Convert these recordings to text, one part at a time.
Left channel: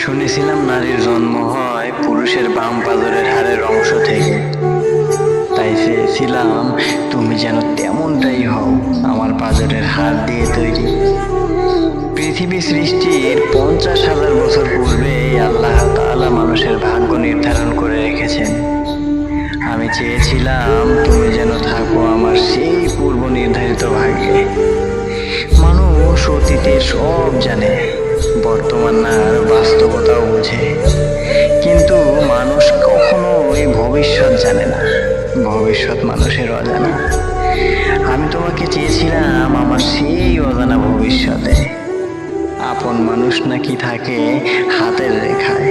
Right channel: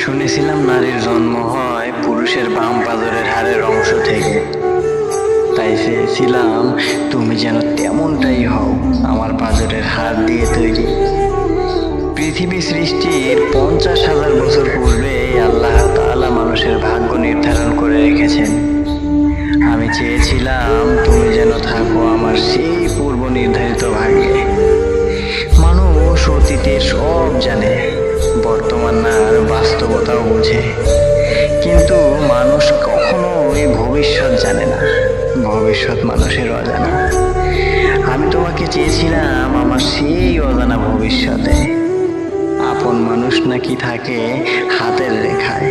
শুনেছিলাম নারীর জন্ম হয় পুরুষের বাম পাজরের হাড়ের অংশ থেকে। তাই চেয়েছিলাম তুমি যেন তেমনটাই হও, আমার পাজরের হাড় দিয়ে তৈরি। পৃথিবী সৃষ্টির 50,000 বছর পূর্বে আল্লাহ তাআলা মানুষের ভাগ্য নির্ধারণ করে রেখেছেন। আমি চেয়েছিলাম তুমি যেন থাকো আমার সেই পূর্ব নির্ধারিত ভাগ্যে। মানুষ অতীতের সব জানে, বর্তমান আর বাস্তবতাও বোঝে, কিন্তু মানুষ কখনোই ভবিষ্যৎ জানে না। ভবিষ্যৎ মানুষের অজানা। আমি তোমাকে চেয়েছিলাম আমার সেই অজানা ভবিষ্যতে। আপন মানুষ নাকি থাকে হাতের রেখায়।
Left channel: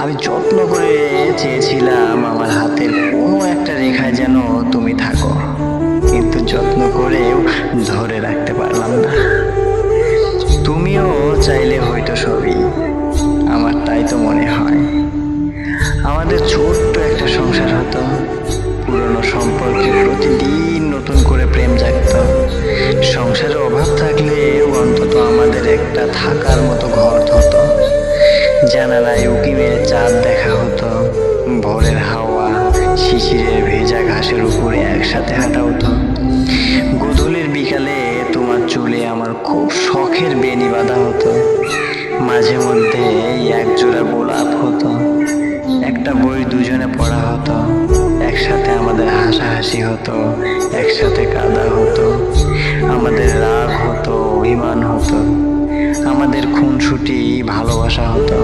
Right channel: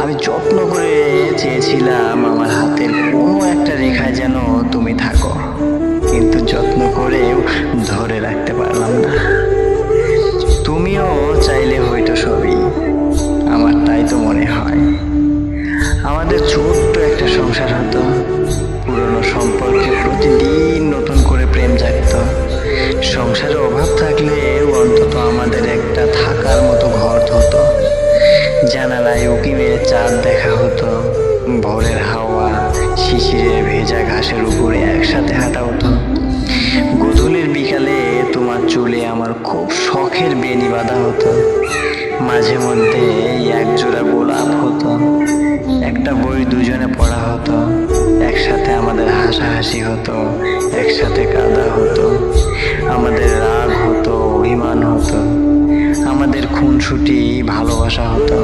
আমি যত্ন করে চেয়েছিলাম আমার হাতের কোনো একটা রেখায় যেন তুমি থাকো, কিন্তু যত্ন করেও ধরে রাখতে পারলাম না। তুমিও চাইলে হয়তো সবই, আমার তাই তো মনে হয়। আমাদের ছোট্ট একটা সংসার হতো, পুরনো সম্পর্কে প্রতিদিন নতুন করে প্রেম জাগতো। সংসারে অভাব থাকলেও অন্তত আমাদের একটা থাকার মতো ঘর হতো। জানালায় উঁকি মেরে চাঁদ দেখা হতো, ভোরের হাওয়া শিশিরের ভেজা ঘাসের উপরে একসাথে হাঁটা হতো। গোধূলির বিকালে তোমার চুলে আমার খুব শখের বেনি বাঁধা হতো। মাঝে মধ্যে এক জোড়া গোলাপ হতো, একটা বই দুজনে পড়া হতো, একসাথে আমাদের হাসাহাসি হতো, একসাথে কাঁদা হতো, আমাদের রাগ হতো, অভিমান হতো, আমাদের খুনসুটি ভালোবাসা হতো,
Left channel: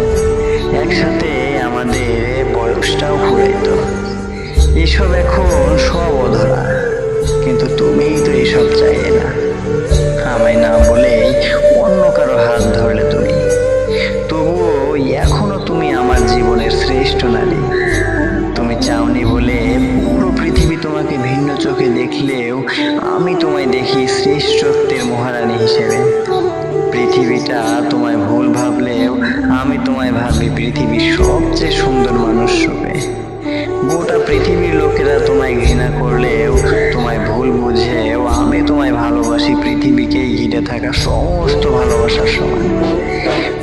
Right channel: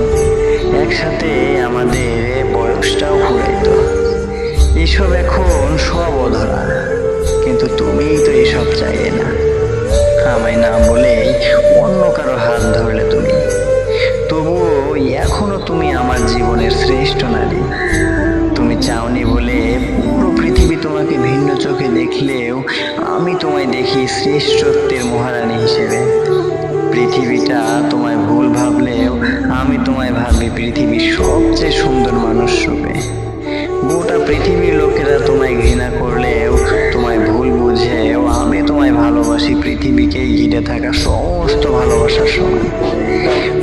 একসাথে আমাদের বয়সটাও ফুরাইতো। এসব এখন সব অধরা, কিন্তু তুমিই তো এসব চাইলে না। আমায় না বলেই অন্য কারো হাত ধরলে তুমি। তবুও এখনো তুমি আমার জীবনের শ্রেষ্ঠ নারী। তুমি চাওনি বলে পুরো পৃথিবী তোমাকে ভিন্ন চোখে দেখলেও আমি তোমায় দেখি শ্রেষ্ঠত্বের মহারানী হিসেবে। পৃথিবীটা তোমায় ভুল ভাবলেও আমি তোমায় ভাবি পৃথিবীর সবচেয়ে সুন্দর মানুষ রূপে। গোটা পৃথিবীর লোকেরা তোমায় ঘৃণা করলেও, তোমায় ভুল বুঝেও আমি তোমায় ভালোবাসি পৃথিবীকেই ঘিরে থাকা সমস্ত ভালোবাসার সমান।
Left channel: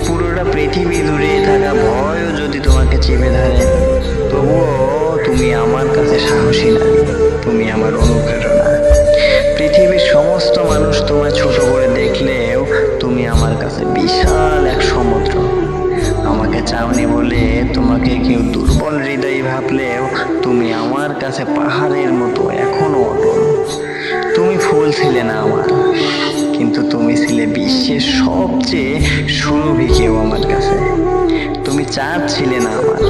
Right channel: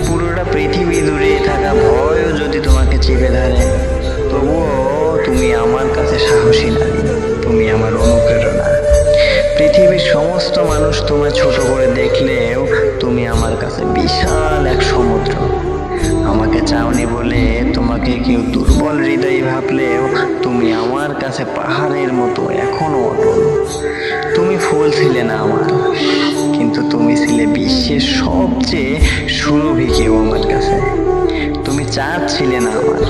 পুরোটা পৃথিবী দূরে থাকা ভয়ও যদি তোমাকে চেপে ধরে, তবুও তুমি আমার কাছে সাহসী নারী, তুমি আমার অনুপ্রেরণা। পৃথিবীর সমস্ত মানুষ তোমায় ছোট করে দেখলেও তুমি আমার কাছে বিশাল এক সমুদ্র। আমাকে চাওনি বলে তোমাকে কেউ দুর্বল হৃদয়ী ভাবলেও তুমি আমার কাছে পাহাড়ের মতো এখনো অটল। তুমি ফুল ছিলে না আমার, কিন্তু তুমি ছিলে বিশ্বের সবচেয়ে সুরভি কেউ আমার কাছে। তুমি চাঁদ ছিলে না আমার,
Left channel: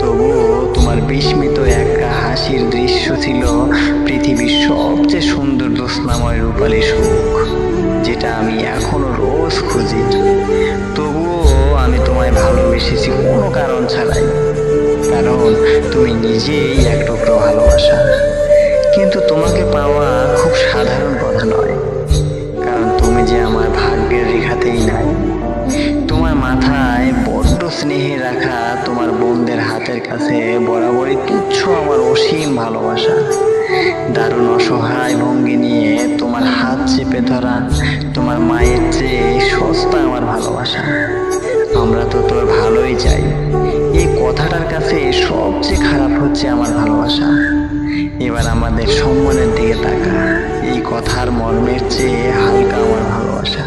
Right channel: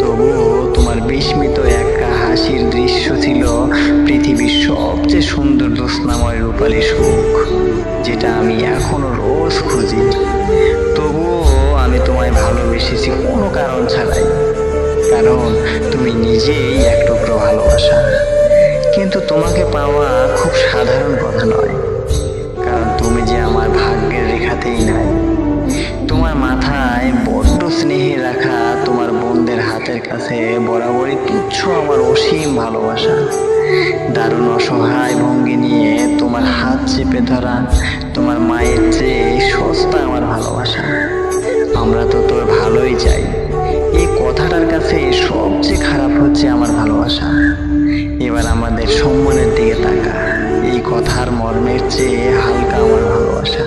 তবুও তোমার বিস্মিত একটা হাসির দৃশ্য ছিল পৃথিবীর সবচেয়ে সুন্দর জ্যোৎস্নাময় রূপালী সুখ, যেটা আমি এখনো রোজ খুঁজি। তবুও আমি তোমায় ভালোবেসেছি কোনো কারণ ছাড়াই, কারণ তুমি নিজেই এক টুকরো ভালোবাসা। কিন্তু তোমাকে পাওয়া খুব সাধারণ কথা নয়, কারণ তুমি যে আমার ভাগ্যের রেখাতেই নাই। তোমার মাথায় বড্ড স্নেহে রাখা তোমার বোনদের হাতের কাছে বরাবরই তুচ্ছ আমার অসীম ভালোবাসা। দারুণ অসহায় ভঙ্গি নিয়ে তোমার হাত চেপে ধরা তোমার মায়ের চেয়ে সস্তা আমার ভালোবাসা। আমরা তো তোর ভালোই চাই, এই কথাটার কাছে সবচেয়ে খারাপ হচ্ছে আমার ভালোবাসা। এবার আমাদের সম্মানের দিকে তাকা, এই কথার মর্মের চেয়ে হালকা আমার ভালোবাসা।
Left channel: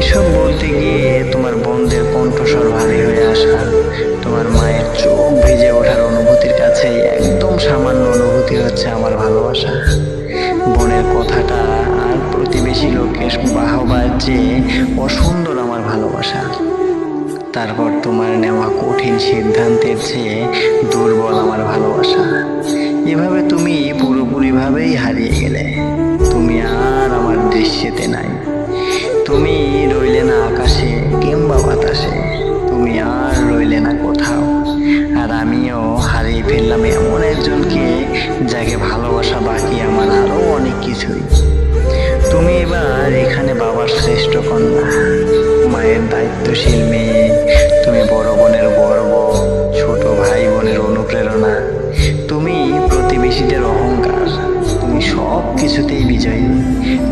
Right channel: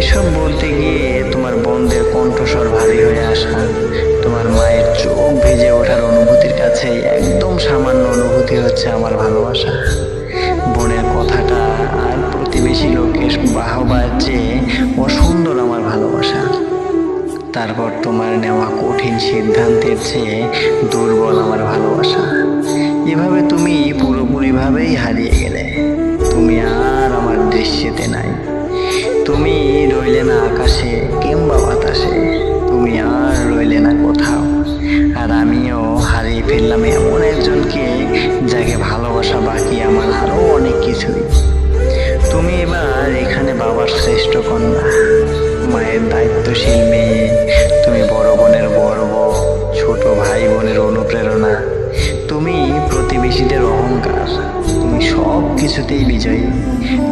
এসব বলতে গিয়ে তোমার বোনদের কণ্ঠস্বর ভারী হয়ে আসা, তোমার মায়ের চোখ ভিজে ওঠার অনুভূতির কাছে একদম সামান্য অনুভূতি হচ্ছে আমার ভালোবাসা। বোনের কথাটা আর প্রতিবেশী লোকের বাহবার চেয়ে অসুন্দর আমার ভালোবাসা। তারপর তোমার নেওয়া কঠিন সিদ্ধান্তের চেয়ে দুর্বল আমার ভালোবাসা। এভাবে তুমি পুরোপুরিভাবেই হারিয়ে গেলে, তুমি আর আমার দৃশ্যেতে নাই। তুমি রইলে না আকাশে কিংবা বাতাসে, তুমি আর রইলে না কোথাও। আর আমিও হারিয়ে ফেললাম এমন একজনকে যাকে ভালোবাসা বাকি আমার আরো অনেক কিছুই। তুমি এবার এখানে বাবার শ্রেষ্ঠ কন্যা, মায়ের দায়িত্বশীল মেয়ে, তুমি বড় বোনের গর্ব, ছোট ভাই বোনের অনুপ্রেরণা, তুমি প্রতিবেশীদের অহংকার, তুমি সব কিছুতেই বিজয়ী,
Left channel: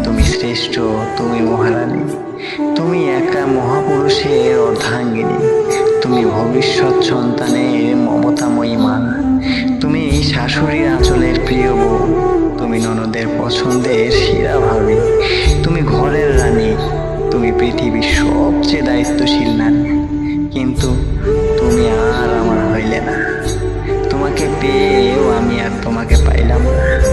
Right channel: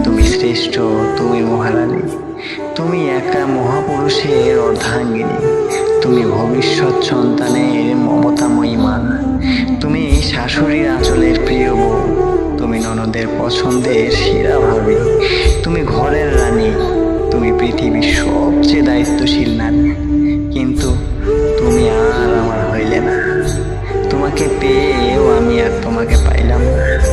তুমি শ্রেষ্ঠ, তুমি মহারানী। তুমি একা মহাপুরুষের অর্ধাঙ্গিনী, তুমি ভবিষ্যৎ সন্তানের মমতাময়ী মা, তুমি শাশুড়ির আঁচলের প্রিয় বউ, তুমি ননদের পছন্দের সেরা ভাবি, তুমি ঘরের রানী, তুমি পৃথিবীর সবচেয়ে দায়িত্বশীল নারী। কিন্তু তুমি আর আমার হইলে না, তোমাকে পেয়েও আমি আর তোমাকে পাইলাম না।